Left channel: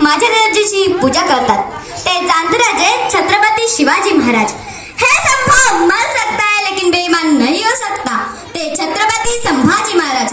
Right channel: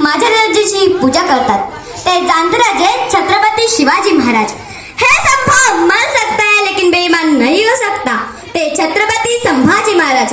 माझ्या राजाची पूजा करतात. ते जांतराजे छत्रपती शिवाजी महाराज. हे संभव मन सकता है लेकिन बेईमान नहीं हो सकता ते छत्रपती संभाजी महाराज.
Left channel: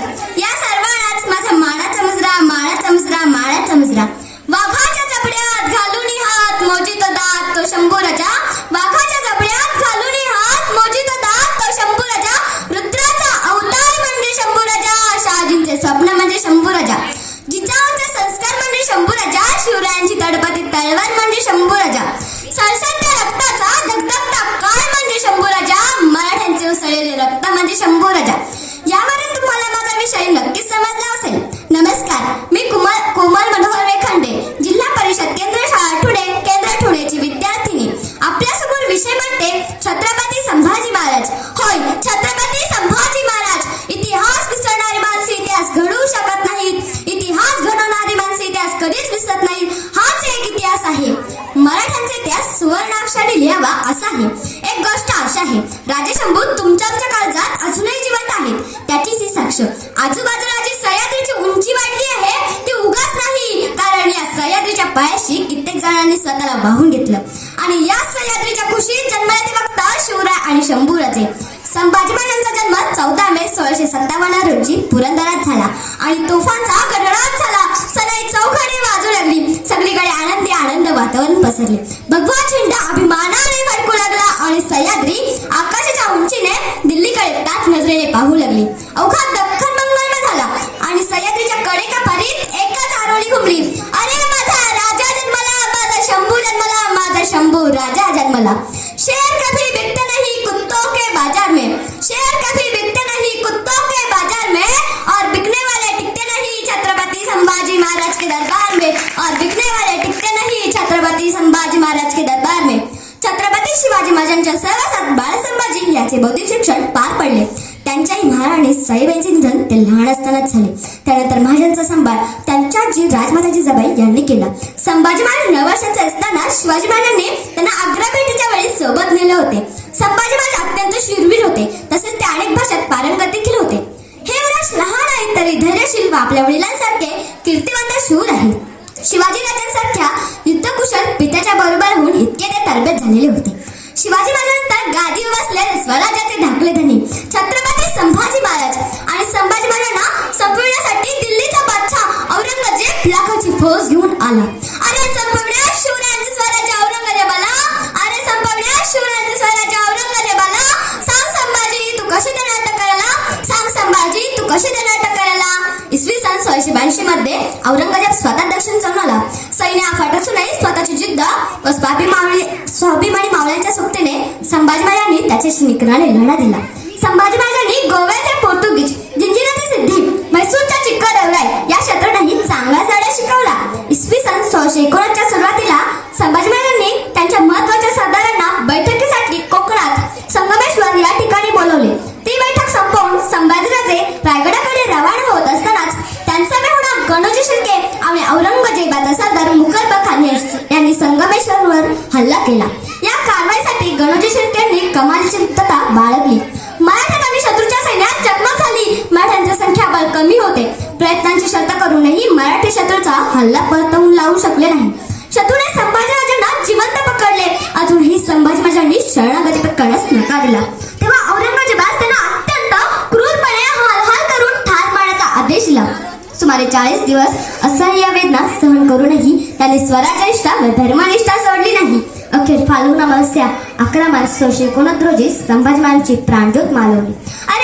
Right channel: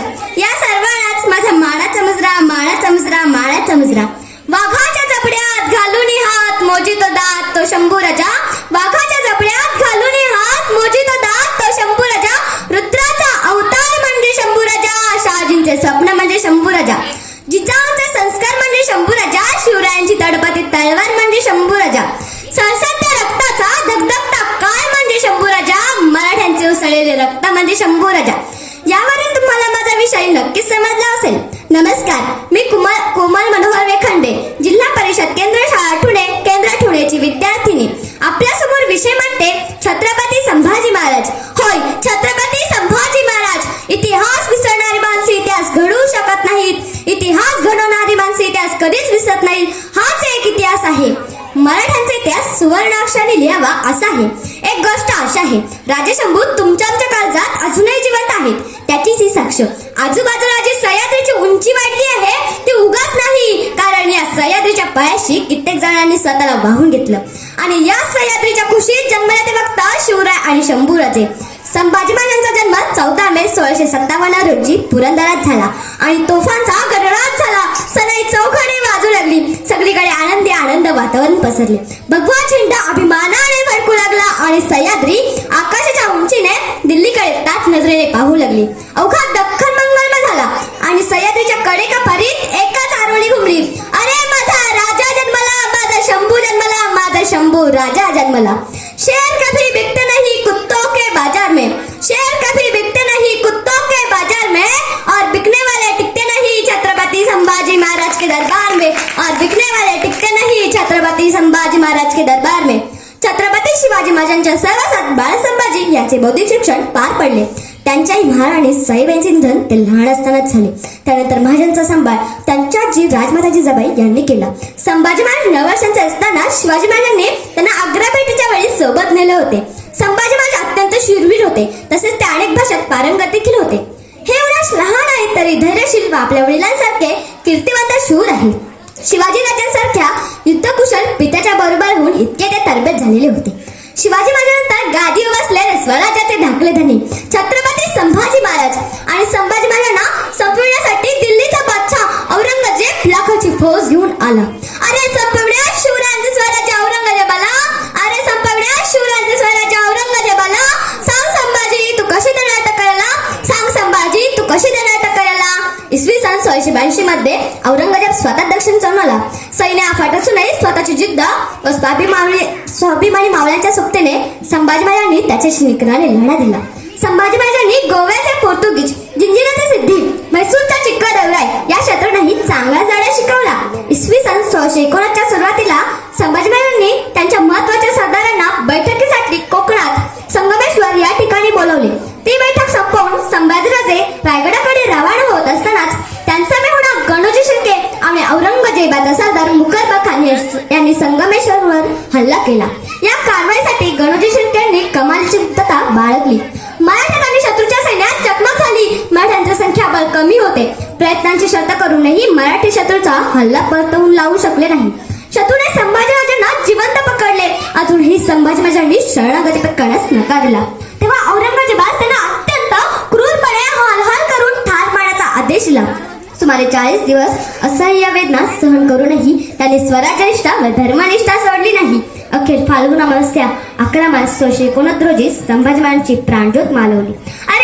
म्हणजे शंभू राजा. यावरून तुम्हाला माझा विषय नक्कीच समजला असेल. नमस्कार मी कुमार कोमल मनोहर वेखांडे जिल्हा परिषद केंद्र शाळा मराठ्यांचा लिहावा असा आहे एक गोष्ट अशी आहे राजे शंभू तुमच्या आमच्या काळजात अजूनही जिवंत आहेत त्याचीच ही साक्ष. आजूबाजूला जी सह्याद्रीची उंची वाढली आहे ती उगाच नाही. कारण या सह्याद्रीच्या पायाशी कित्येक जणांनी स्वतःला वाहून घेतलं. आणि या सह्याद्रीच्या खुशीत जन्माला ते बघता शिवराय आणि शंभूराजे संभाजी महाराजांचा जन्म चौदा मे सोळाशे सत्तावन्न रोजी पुरंदरात झाला. आणि तोफांचा गडगडाट झाला. सनई चौघडे वाजू लागली. सगळीकडे आनंदी आनंद वातावरण पसरले. भगवान नजरेने पाहू लागली. अवघा दख्खन मंगलमय झाला. आणि सह्याद्रीच्या कडेका परीत एकच आरोळी घुमली. अरे माझा राजा जन्मला माझा शंभू जन्मला माझा शंभू राजा जन्मला. शेर कभी बिकते नाही कुत्तों के बाजार में. शेर कभी बिकते नहीं कुत्तों के बाजार में. और बिकने वाले टिकते नहीं छत्रपति संभाजी महाराज के दरबार में. और बिकने वाले टिकते नहीं छत्रपति संभाजी महाराज के दरबार में. छत्रपती शिवाजी महाराजांच्या सर्वसात बाळ संभाजी याचे बौद्धिक शिक्षण पार पडले. त्यांच्याही महाराणी साहेबांचे निधन ते लहान असतानाच झाले. त्यानंतर महाराजांचा सांभाळ त्यांच्या जी राजमाताजी जबाई यांनी केला. संभाजी महाराज नऊ वर्षांचे असताना शिवाजी महाराजांनी त्यांना आग्रा भेटीच्या वेळी सोबत नेले होते. संभाजी महाराज अत्यंत शूरवीर होते. तसेच ते अनेक भाषात पारंगत देखील होते. हे युवराज लहान आहेत तरी धैर्यशील व आपल्या वडिलांसारखे कीर्तिवंत शूर आहेत शिवाजी राजांसारख्या युद्धकुशल पित्याच्या बरोबर होऊन इतके ते तरबेज झालेले होते. शिवाजी महाराजांनंतर गादीवर बसलेले स्वराज्याचे धाकले धनी छत्र आला अरे संपवण्या शिवरायांचे स्वराज्य औरंगजेबाला. अरे संपवण्या शिवरायांचे स्वराज्य औरंगजेबाला. सांग संभाजी तू कशी देणार अटक करायला? सांग संभाजी तू कशी देणार अटक करायला? इसवी सन सोळाशे ब्याऐंशी मध्ये औरंगजेब स्वतः दक्षिण चालून सैन्य फाट स्वतःची जिद्द व स्वाभिमानी स्वाभिमानी मावळ्यांच्या सोबतीने संभाजी महाराजांनी त्याच्याशी निकराने लढा दिला. संभाजी महाराजांनी गोव्याचे पोर्तुगीज हल्ला केला. या कारवाईसाठी गणोजी शिर्के यांनी कमालीची गुप्तता बाळगली. मराठ्यात आणि शत्रूच्या सैन्यात चकमक झाली. मराठ्यांची संख्याबळ कमी होते. प्रयत्नांची शर्त करूनही मराठी शत्रूचा हल्ला परतवून लावू शकले नाही. शत्रूने संभाजीराजांना जिवंत पकडले. अजूनही संभाजीराजांनी शरणागती पत्करण्यास नकार दिला. तेव्हा औरंगजेबास त्यांना अत्यंत क्रूरपणे हालहाल करून ठार मारण्याचा आदेश दिला. सुमारे चाळीस दिवस असह्य वेदना सहन करूनही त्याने स्वराज्यनिष्ठा व धर्मनिष्ठा सोडली नाही. अखेर फाल्गुन अमावस्या अकरा मार्च सोळशे एकोणत रोजी संभाजी महाराजांची प्राणज्योत मालवली. अरे